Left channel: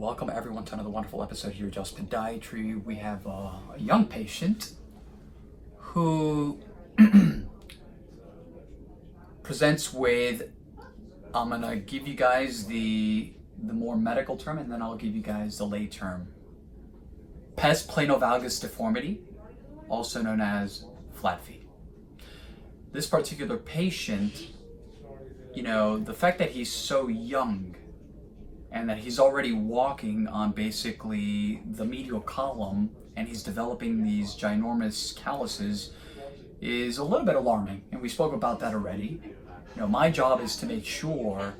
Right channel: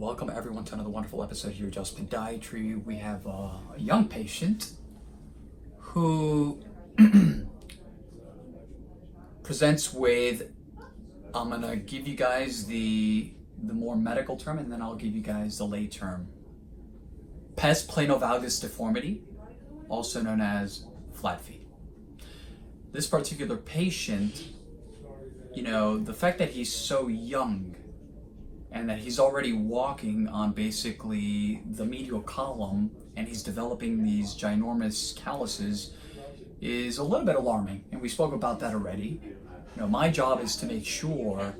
Welcome everyone to another wonderful episode here at Just Podiatry. We have a young patient who presents with, I'm gonna give you guys the more medical term and then I'll give you guys the lay term. Pes planovalgus deformity, also known as flat feet. This particular patient, the fact that he's so young and that he's already walking on basically the medial column and he's developing these ginormous calluses is a little bit alarming, and we spoke about that already. My job is to make sure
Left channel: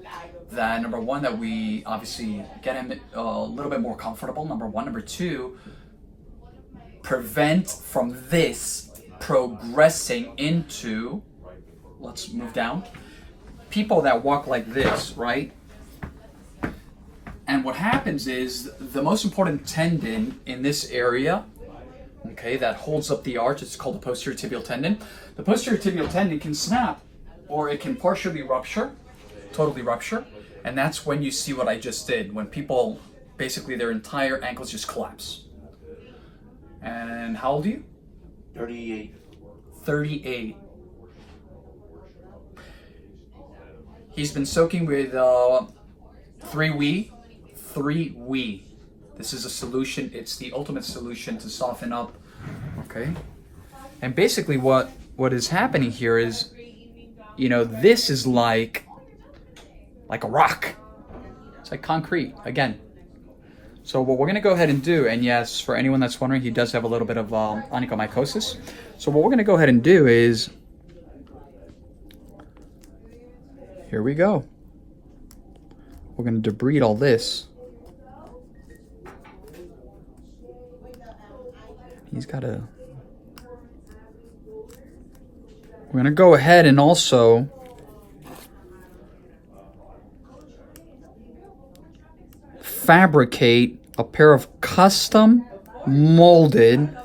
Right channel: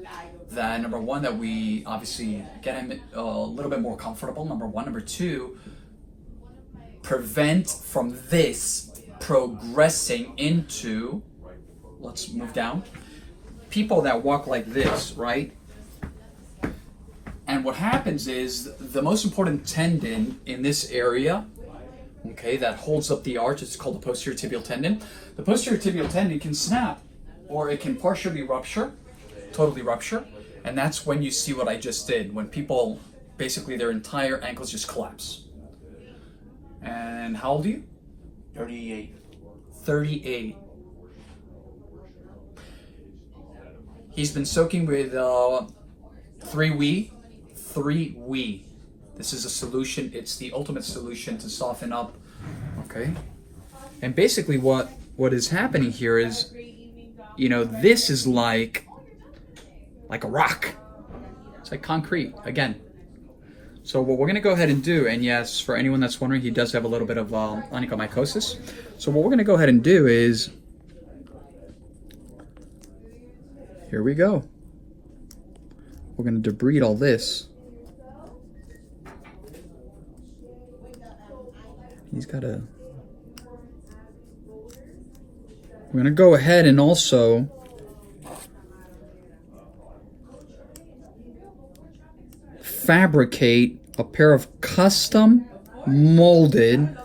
that, number one, that we obviously get him a little bit more comfortable, number one. Number two, prevent from this progressing into, let's move down, people that walk like this, right? And what happens is the most important tendon in this area, okay, that holds up the arch, it's called the posterior tibial tendon. The posterior tibial tendon can snap or it can partially rupture, totally rupture. And that's when you see what I just did, when people, basically their entire ankles just collapse. And how old are you? 38. 38. He's been soaking with 3-We. This is a solution. It's the ultimate solution to soften up. Okay. And basically what is happening here is, this is like a rock. It's like concrete again. So what we're going to go ahead and do, and yes, for anyone that's wondering, he does have a little bit of onychomycosis. So what we're going to go ahead and do is, here we go. We're going to debride all this. We're going to go ahead and also fabricate a pair of custom molded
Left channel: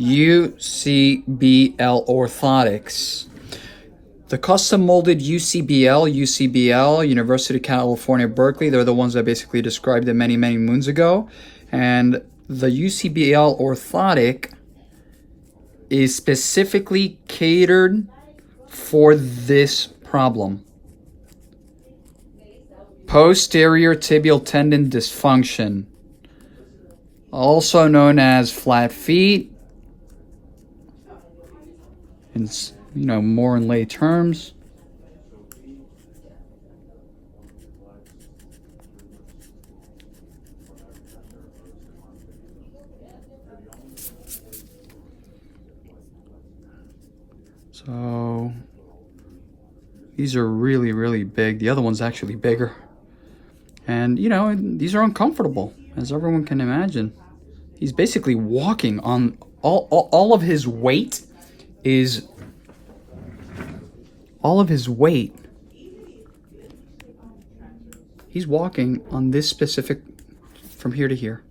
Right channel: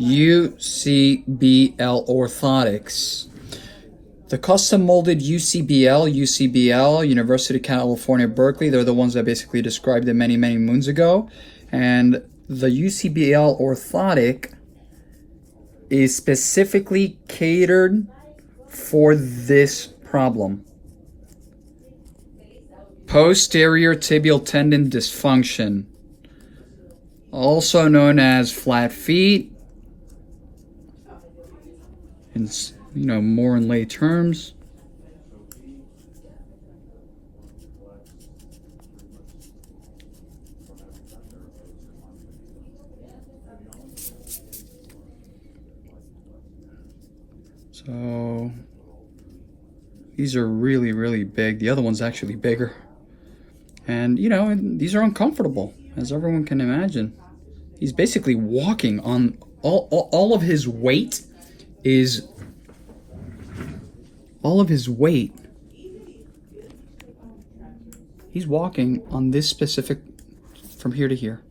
UCBL orthotics. The custom molded UCBL, University of California, Berkeley, they're the ones that basically described it many, many moons ago. And the UCBL orthotic is specifically catered for this problem. Posterior tibial tendon dysfunction, also known as flat feet, in more in lay terms. So these are really, really big. The other one's actually bigger. And, these are uncomfortable, as everyone can imagine. He's basically walking on all of his weight is, he's walking on this specific, from here to here.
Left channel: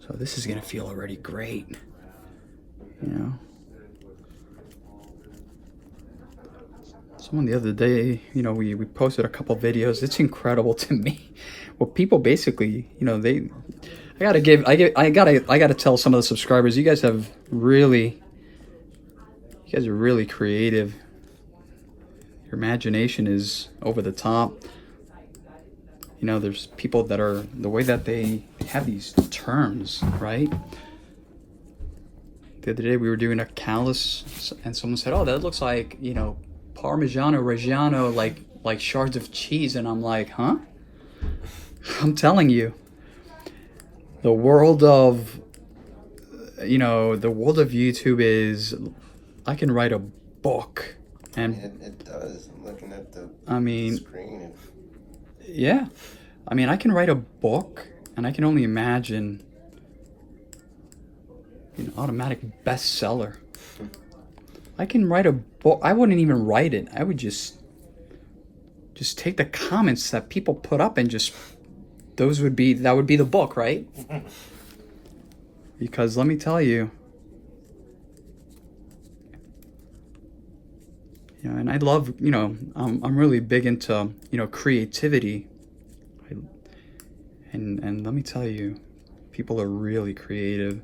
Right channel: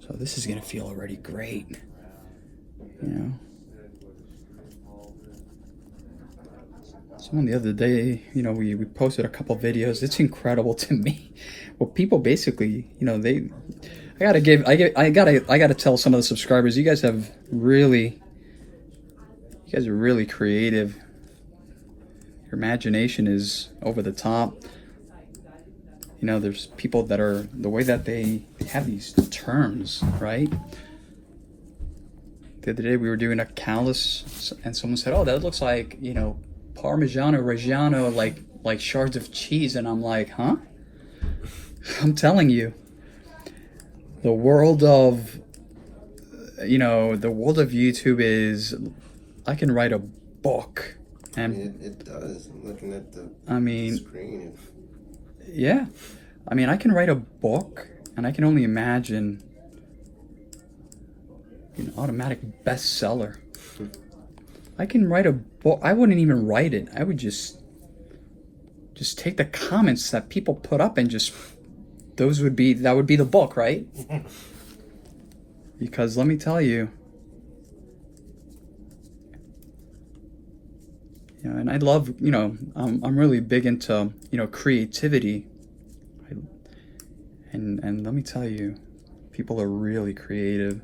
So this is going to feel already great, Someone the other day, we posted a couple videos. It's incredible to me. Well, people basically, I gotta tell some of the subscribers, you guys are really creative. Your imagination is over the top. There's people that are, the way that they have these terms, right? The other day we were doing a callus and someone said, oh, that looks like, Parmigiano Reggiano, like shards of cheese. And I'm like, huh? I'm telling you, the world of YouTube is, I can write a book. And it does. I'm looking at the screen. Yeah. I can write a book, and I can only imagine an automatic bestseller. I can write a book. I wouldn't even write it. I would just take the comments that people put up and that would be the book, right? Because let me tell you, You know, and I love, you know, I'm really big into, you know, creativity. And let me tell you, people are really creative.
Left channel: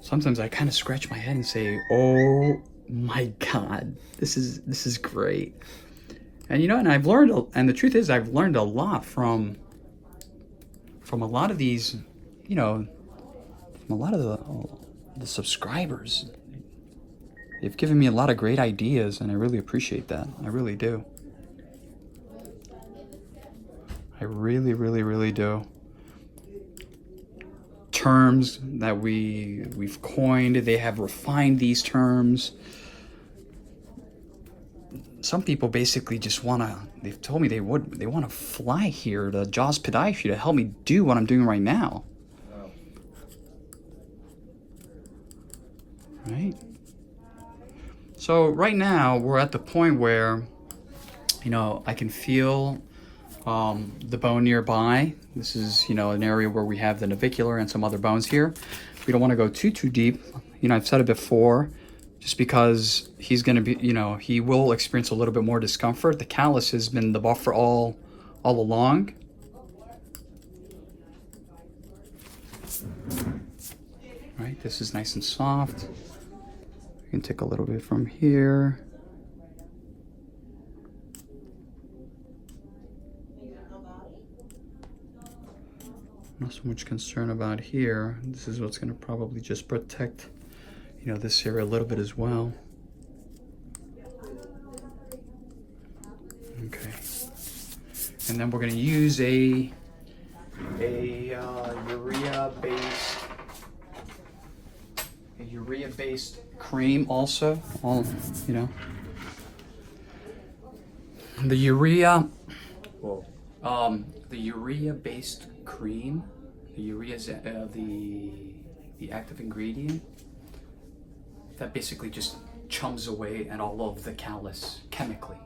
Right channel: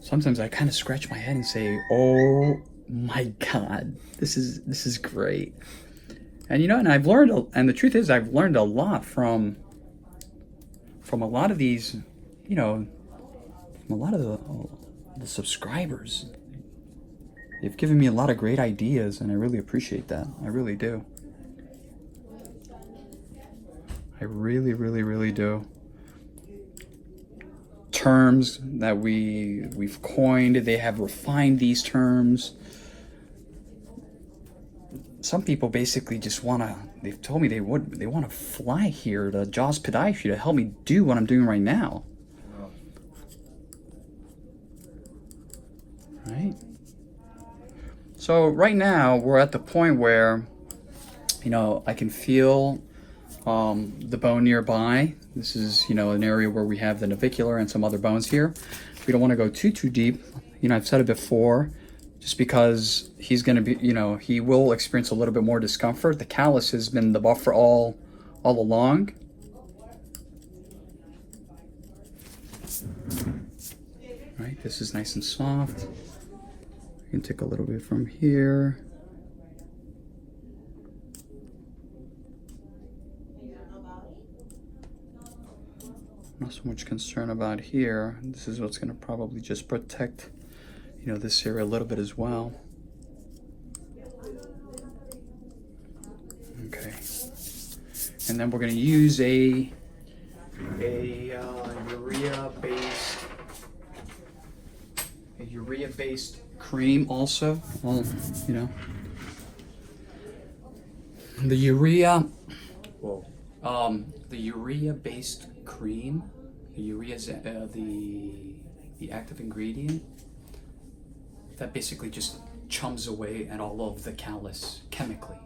Sometimes I kind of scratch my head and say, oh my God, this is great. And you know, and I've learned, and the truth is I've learned a lot from a lot of these, you know, from a lot of the subscribers. They've given me a lot of great ideas, and I really appreciate that. I really do. I really, really, really do. Terms that we've coined, they have refined these terms. Some people basically just they've told me they want to fly here to Jaws Podiatry to help me do what I'm doing right now. Right? So right now we're at the point where, you know, I can feel the bone nearby. This is, you know, an area where we have the navicular and some other bones here. We don't want to go too deep. You know, I've said it before, just because he's going to be, you know, he will experience a little bit more discomfort. The callus has been the buffer all along. Right, this is nice and soft. You can take a little bit from here. Not so much concern about here. This is what's going to probably just protect, you know, this area a little bit as well. Okay, and then we're going to use a urea-based cream also. You know, the urea. Whoa. The urea-based cream. The urea is the active ingredient that basically just chums away at all of the callus chemically.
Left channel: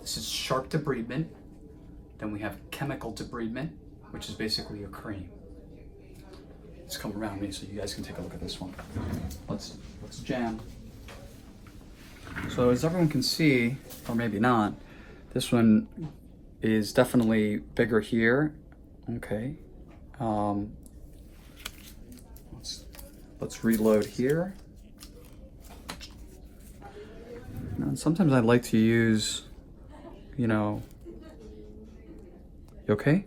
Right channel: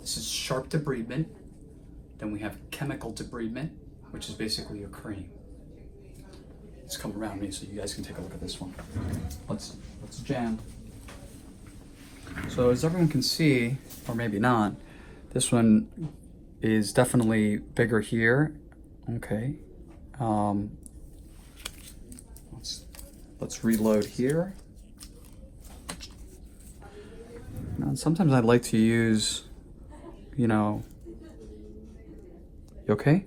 This is sharp debridement. Then we have chemical debridement, which is basically a cream. Let's come around me so you guys can take a look at this one. Let's jam. So as everyone can see, or maybe not, this one is definitely bigger here. Okay. Let's reload here. Now, sometimes I like to use, you know. You okay?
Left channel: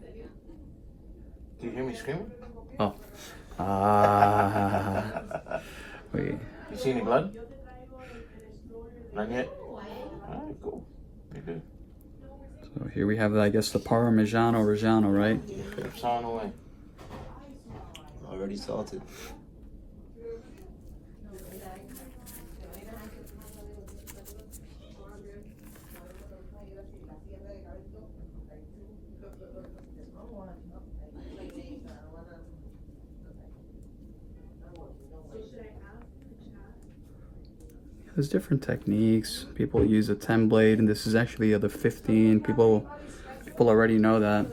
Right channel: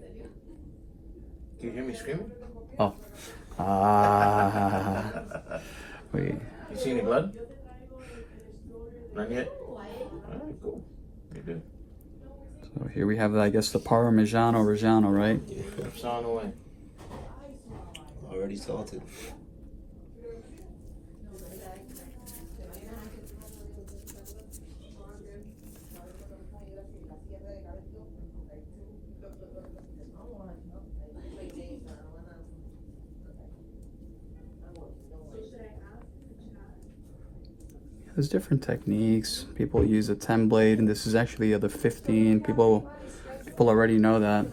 Do you hear me screaming? Oh. Wait. You see any blood? Not yet? Alright, cool. You're good. So here we have, I guess, the Parmigiano Reggiano, right? It's on the way. Already salted. There's different techniques. People use a 10 blade, and this is actually the 15. People already know that.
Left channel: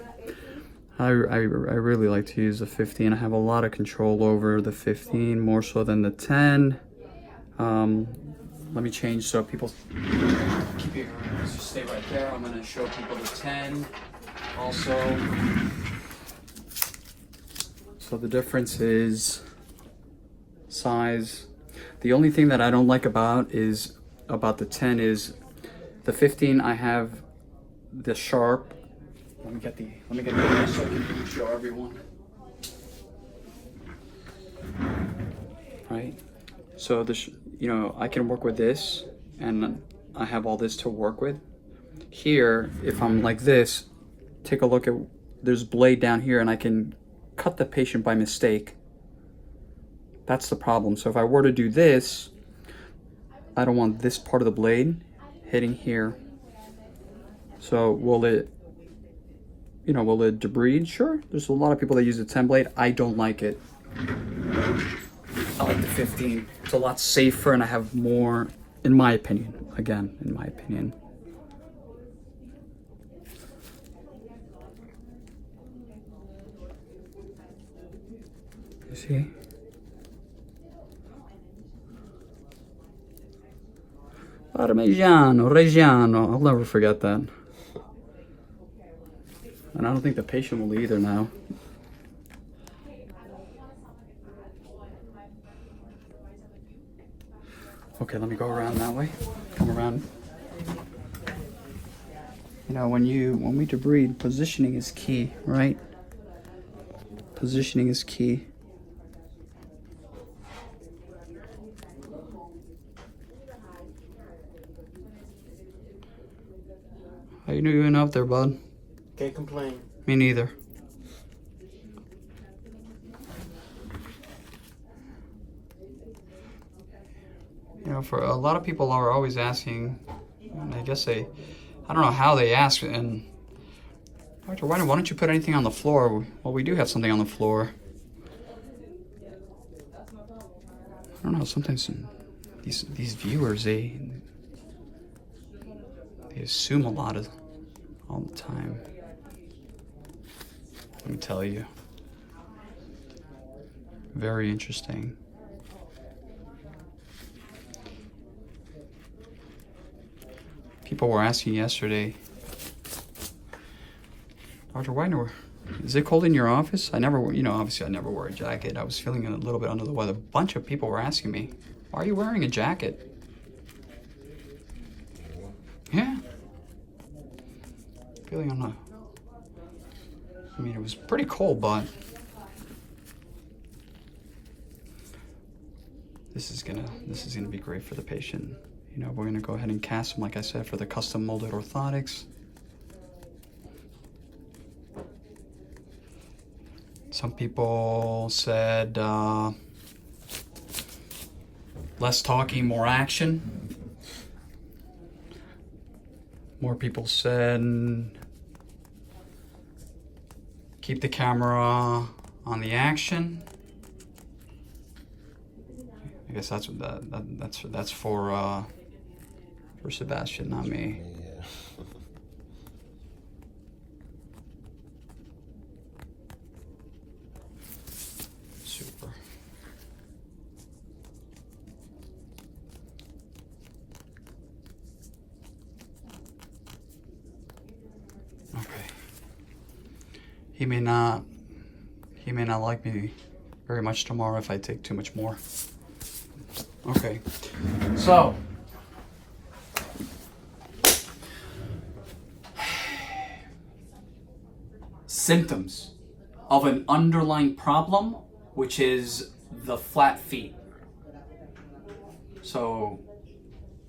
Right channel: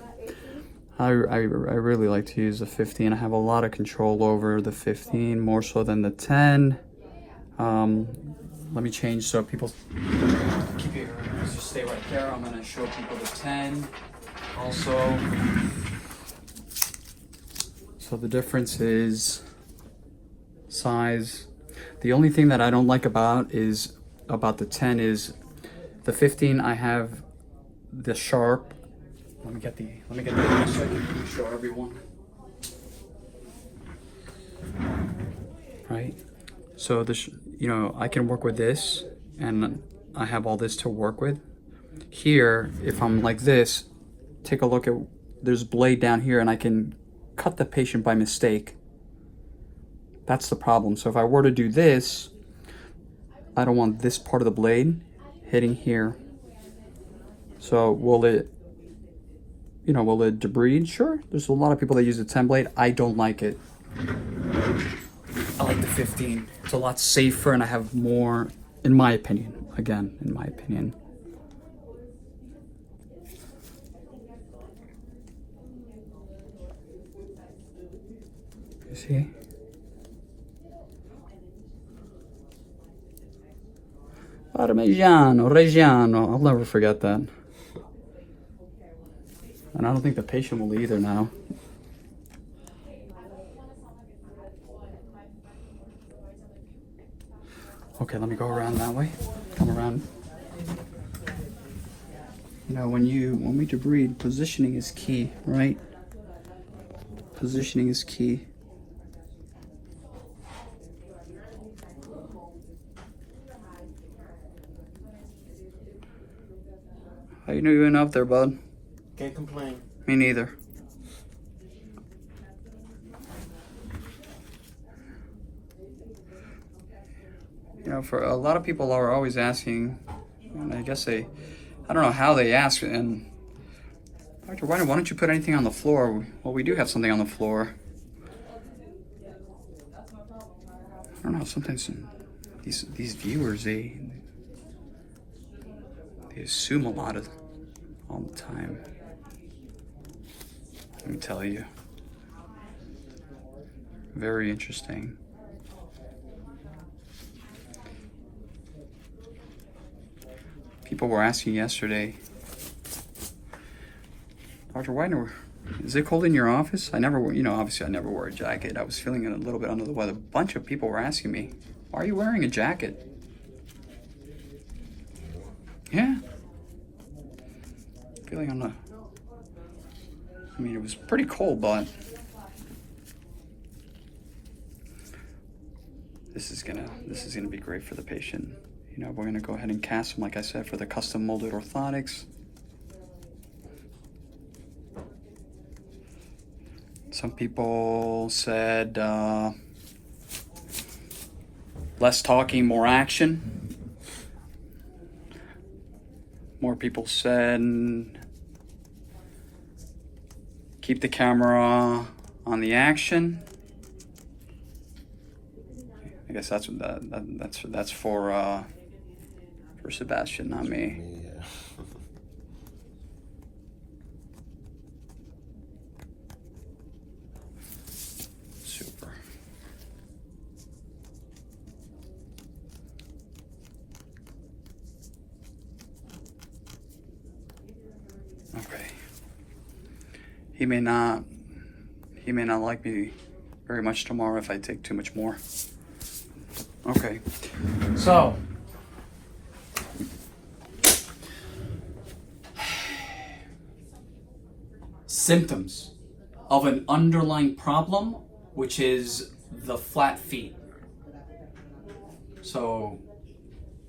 I really like to use the 15. I have a lot of control over the 15, more so than the 10. Let me change so people keep your just stay right there. I'm gonna show people the 10 also. So the difference is size. The only thing that I don't like about the 10 is the 15. I have the sharp. Let me get the so I can show everyone. Right. So this, you know, I can work with this, and I have all this to work with. Here, if I'm like this, take a look at, there's a blade down here, and I can cut the patient by mistake. That's the problem. So if I were to do this, I don't want this part of the blade hitting here. So will it debride? Sure. There's a lot of people that use the 10 blade. I don't like it. I like the 15. It's a lot safer, and I have more, in my opinion. Again, in my opinion. You see? Reggiano. I'll never forget that. And I don't think the patient will either now. Okay, let me go around that way. Come around. You know, when we debride, positioning is key, right? Positioning is key. How you doing out there, bud? Can't complain. Me neither. You know, for a lot of people are always asking, and I guess I don't know how they ask, and Dr. Wagner, why don't you put anything on the floor? Well, we do have something on the floor. I don't know, sometimes these viewers, they assume a lot all the time. Let me tell you. Very interesting. People were asking yesterday, Dr. Wagner, is it cold in your office? I never, obviously I never wear a jacket. I was feeling a little bit under the weather. A bunch of people were asking me, why are you wearing a jacket? Yeah. Feeling it was pretty cold, but this is gonna be great for the patient. You know, we're gonna go ahead and cast them, like I said, for the custom molded orthotics. Some people said less talking, more action. More people said keep the camera on the action. I guess that's for Sebastian, not me. Yeah. Super. Okay. He may not like me very much tomorrow if I take too much more. Okay. So symptoms of an underlying problem, which is the flat feet. So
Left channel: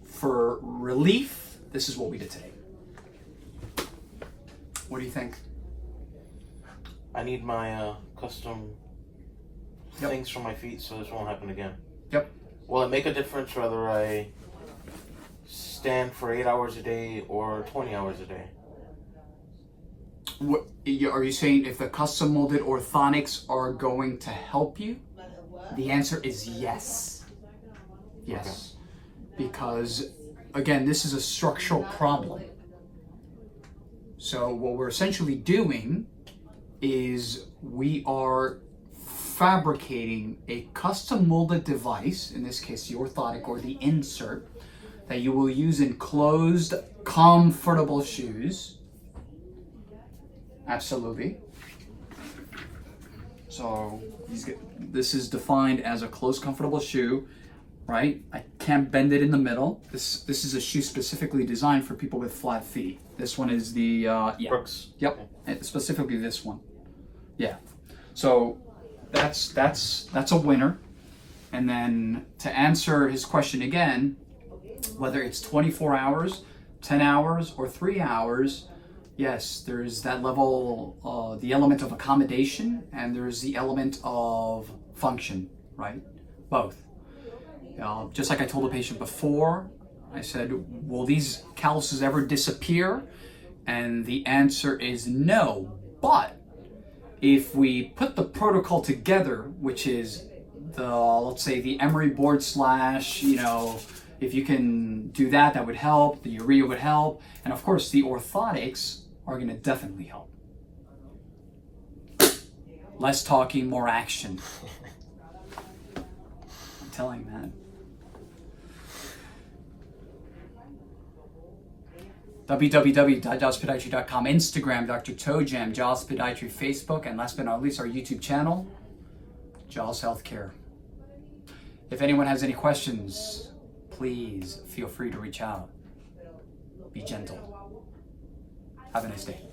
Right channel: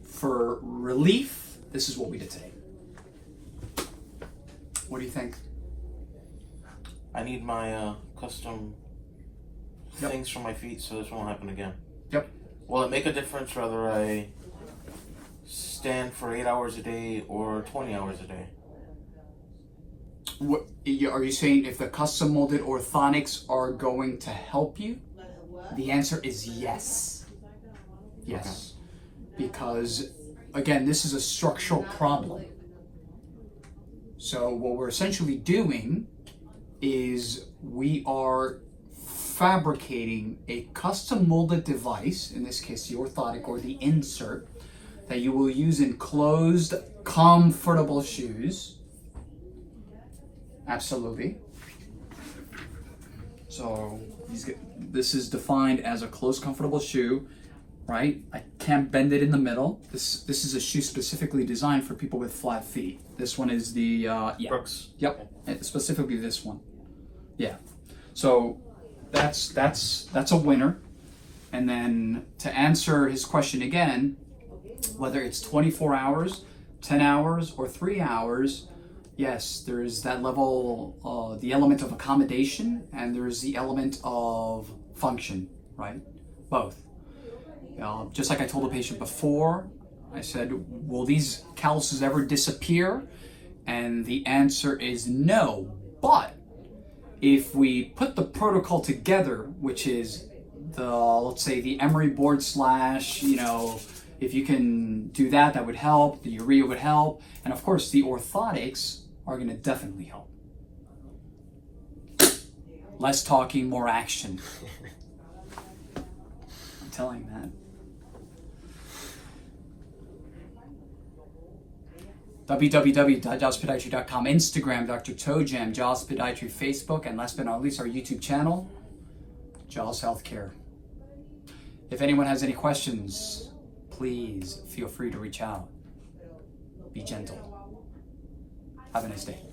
for relief, this is what we did today. What do you think? I need my custom things for my feet so this won't happen again. Yep. Will it make a difference whether I stand for 8 hours a day or 20 hours a day? What are you saying? If the custom molded orthotics are going to help you, the answer is yes. Yes. Because again, this is a structural problem. So what we're essentially doing is we are fabricating a custom molded device, in this case the orthotic or the insert, that you will use in closed, comfortable shoes. Absolutely. So this is defined as a closed, comfortable shoe, right? I can't bend it in the middle. This is a shoe specifically designed for people with flat feet. This one is the Brooks. Yep, specifically this one. Yeah. So that's a winner. And then to answer his question again, whether it's 24 hours, 10 hours, or 3 hours, yes, there's that level, the element of accommodation, and there's the element of function, right? Both. Just like I told the patient before, I said, will these calluses ever disappear? And the answer is no. But if we put the protocol together, which is let's say the emery board slash, if you can do that, that would help. The urea would help. And of course, the orthotics are going to definitely help. Less talking, more action. I'm telling that. www.jawspodiatry.com, Instagram, Dr. Toe Jam, Jaws Podiatry, Facebook, and last but not least, our YouTube channel, Jaws Healthcare. If anyone has any questions, please feel free to reach out. Be gentle. Have a nice day.